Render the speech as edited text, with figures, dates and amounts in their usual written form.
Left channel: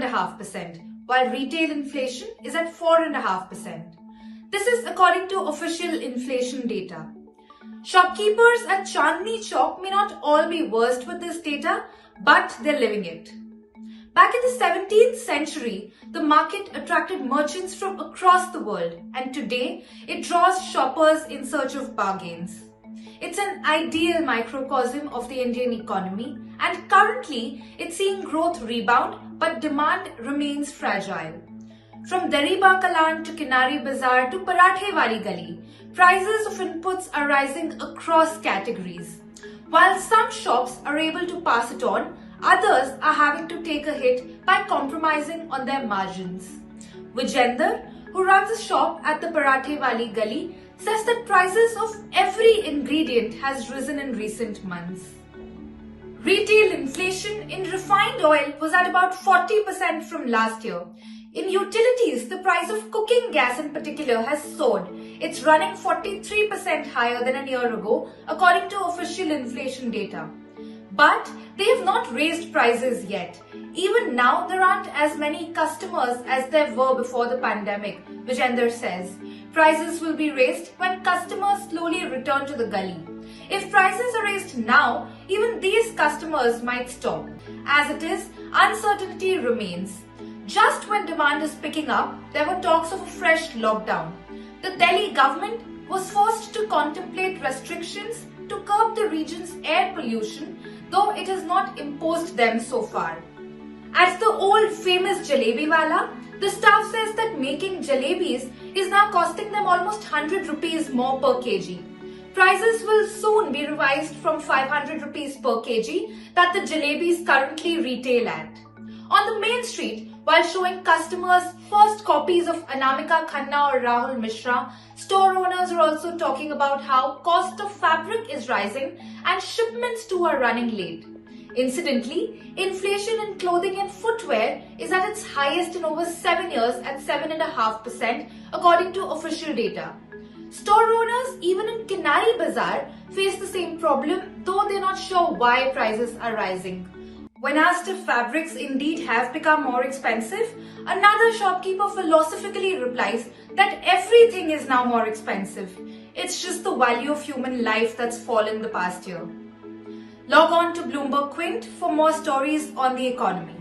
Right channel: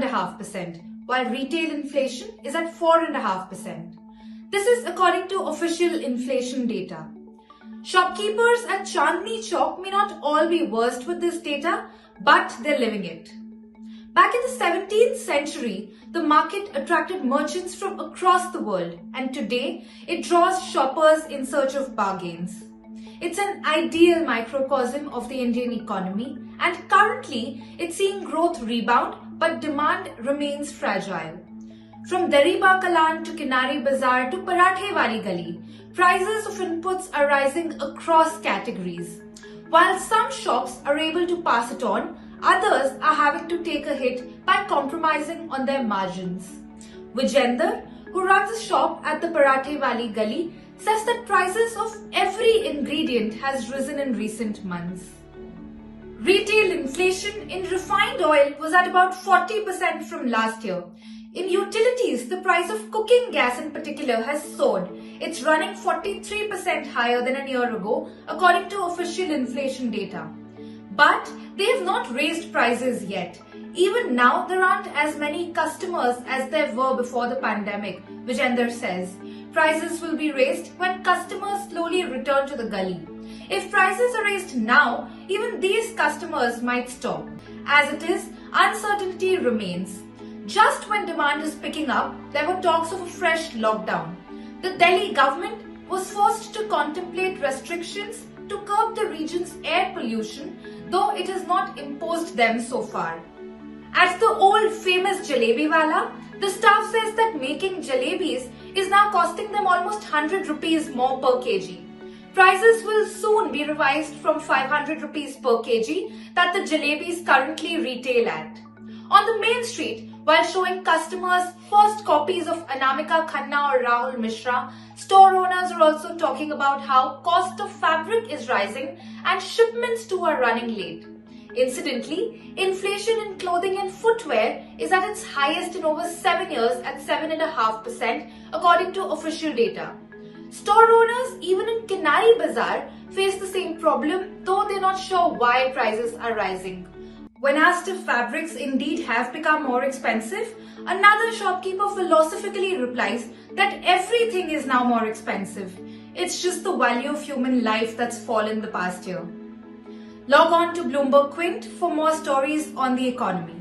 5.5%, while retail inflation is at 4.5%. This is according to official inflation data. Shopkeepers at Chandni Chowk may not all be versed with this data, but they're living it. Back in the 17th century, the market attracted merchants from across the world, and today it draws shoppers in search of bargains. It's an ideal microcosm of the Indian economy, and currently it's seeing growth rebound, but demand remains fragile. From Dariba Kalan to Kinari Bazaar to Parathewali Galli, prices of inputs are rising across categories. While some shops are able to pass it on, others are having to take a hit by compromising on their margins. Vijender, who runs a shop at the Parathewali Galli, says that prices of every ingredient has risen in recent months. Retail inflation in refined oil was at about 40% from last year. In utilities, the price of cooking gas in particular has soared. It's running 43% higher than a year ago, according to official inflation data. But they have not raised prices yet. Even now, there aren't as many customers as there were before the pandemic, Vijender says. Prices will be raised when customers slowly return to the gully. If prices are raised now, even these customers might stop. As it is, uncertainty remains. Just when demand is picking up, there were talks of a fresh lockdown. The Delhi government was forced to contemplate restrictions to curb the region's air pollution, though it has not imposed them so far. At the old famous jalebi wala, the staff says that making jalebis is now costing them almost 100 rupees more per kg. Prices will soon be revised from 500 rupees per kg that the jalebis currently retail at. On the main street, while showing customers first copies of Anamika Khanna or Rahul Mishra, store owners are also talking about how cost of fabric is rising and shipments too are running late. Incidentally, inflation in clothing and footwear is at its highest in over 7 years at 7.5% according to official data. Store owners even in Kinari Bazaar face the same problem, though they're not sure why prices are rising. When asked if fabrics indeed have become more expensive, another shopkeeper philosophically replies that everything is now more expensive. It's just the value of human life that's fallen the past year. Log on to BloombergQuint for more stories on the economy.